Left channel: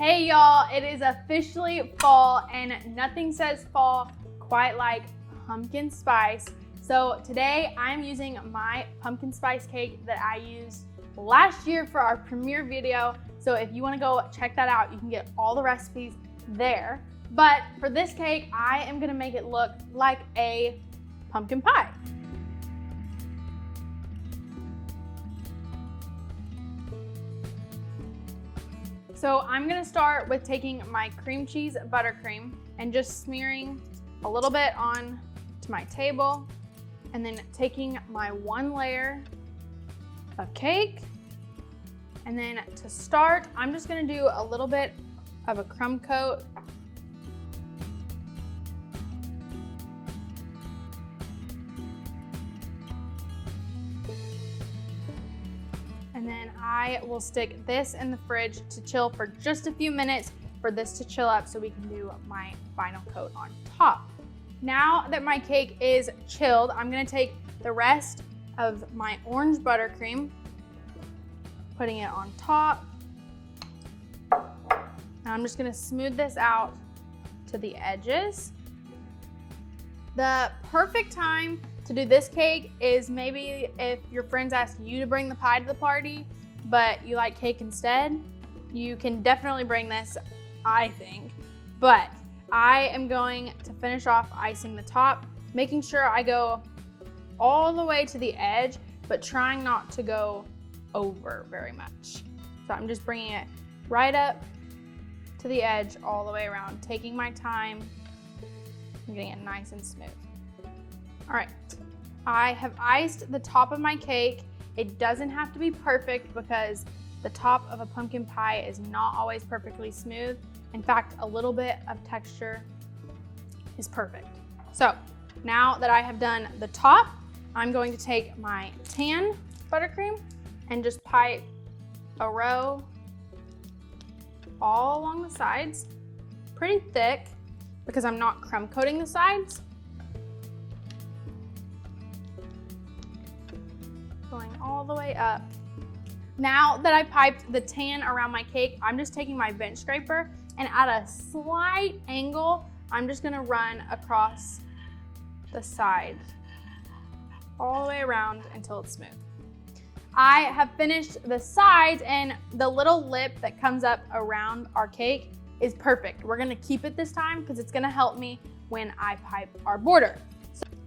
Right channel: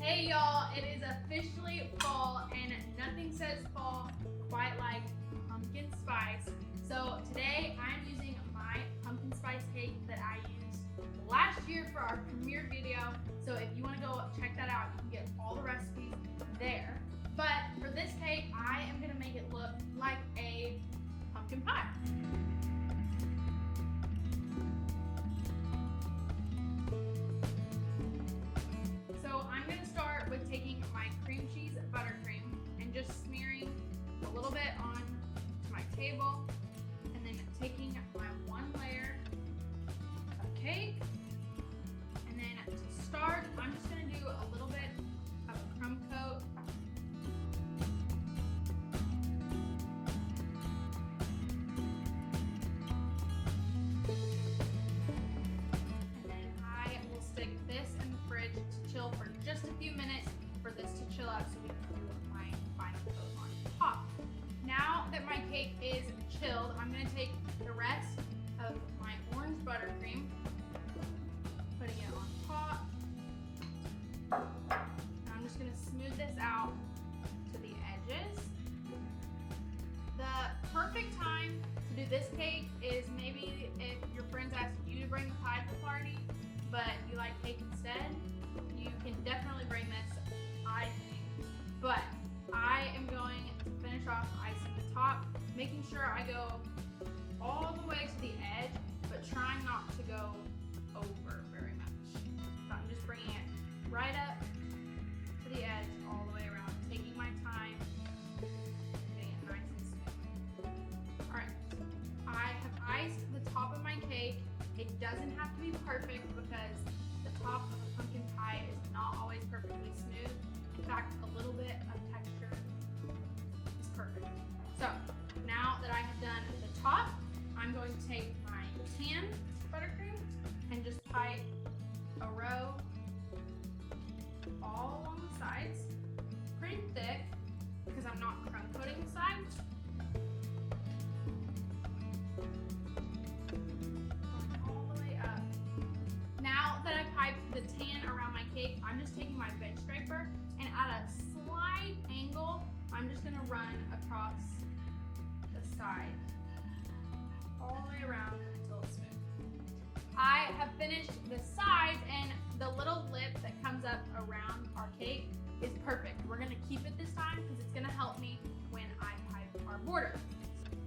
Hey y'all, it is officially fall and nothing says fall quite like pumpkin spice. So today I'm using my pumpkin spice cake that I used last year for our premiere video. So if you want to go check that out, you can get all the recipes there. But for this cake, I am going to make it look like a pumpkin pie. So I'm gonna start with taking my cream cheese buttercream and just smearing a little bit on to my table, and then taking my one layer of cake. And then to start, I'm just gonna do a little bit of a crumb coat. I will stick this in the fridge to chill for just a few minutes for this to chill up so we can do my final coat on top. Now that my cake is chilled, I'm gonna take the rest of my orange buttercream, putting it on top. Now I'm just gonna smooth this out to the edges. The perfect time to do this cake is maybe if your friends ask you to bring the pie to the party, but you like cake instead. You can definitely bring this, I think. But I am going to finish off icing the top, making sure I go all the way to the edge, but trying not to go over very much. So I'm just bringing it right up to the edge all the way around, taking my time, and getting it nice and smooth. All right, I have iced the top of my cake. It doesn't have to be perfect because the top of a pumpkin pie is not always perfectly smooth. In fact, a little bit of texture is perfect. So now that I have done the top, I'm going to take my tan buttercream and just pipe a row all along the sides, pretty thick because I'm not crumb coating the sides. All the way up. Now that I piped the tan around my cake, I'm just taking my bench scraper and at a slight angle, I'm just gonna run across the side all the way around until it's smooth. I have finished the sides, and the little lip that comes up around our cake is perfect. We're gonna keep it this time because it's gonna help me when I pipe our border.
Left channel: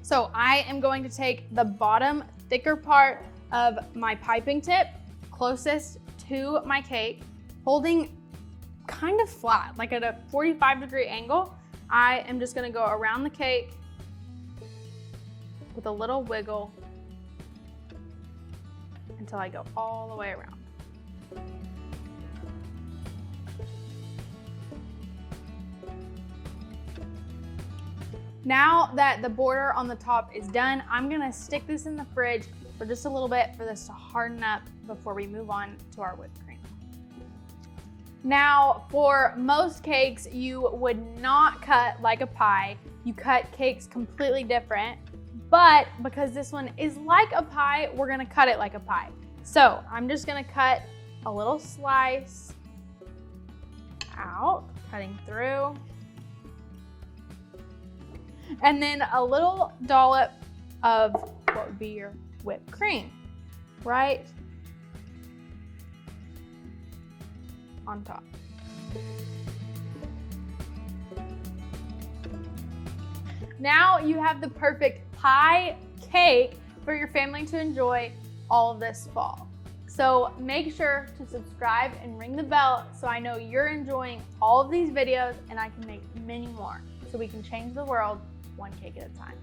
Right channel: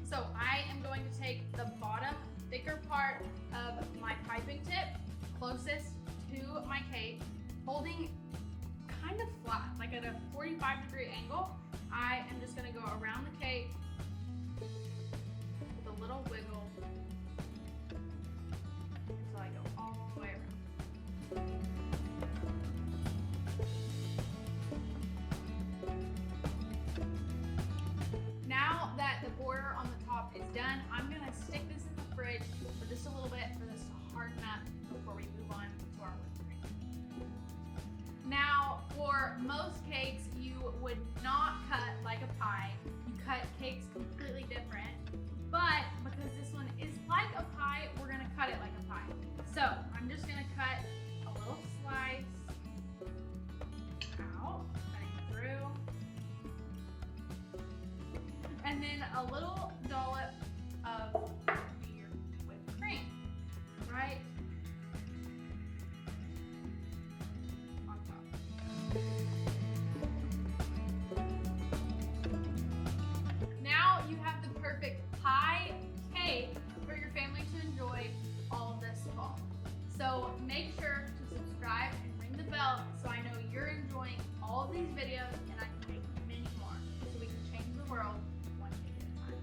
So I am going to take the bottom thicker part of my piping tip closest to my cake, holding kind of flat, like at a 45-degree angle. I am just gonna go around the cake with a little wiggle until I go all the way around. Now that the border on the top is done, I'm gonna stick this in the fridge for just a little bit for this to harden up before we move on to our whipped cream. Now, for most cakes, you would not cut like a pie. You cut cakes completely different, but because this one is like a pie, we're gonna cut it like a pie. So I'm just gonna cut a little slice out, cutting through. And then a little dollop of what would be your whipped cream, right on top. Now you have the perfect pie cake for your family to enjoy all of this fall. So make sure to subscribe and ring the bell so I know you're enjoying all of these videos and I can make many more so we can change the world one cake at a time.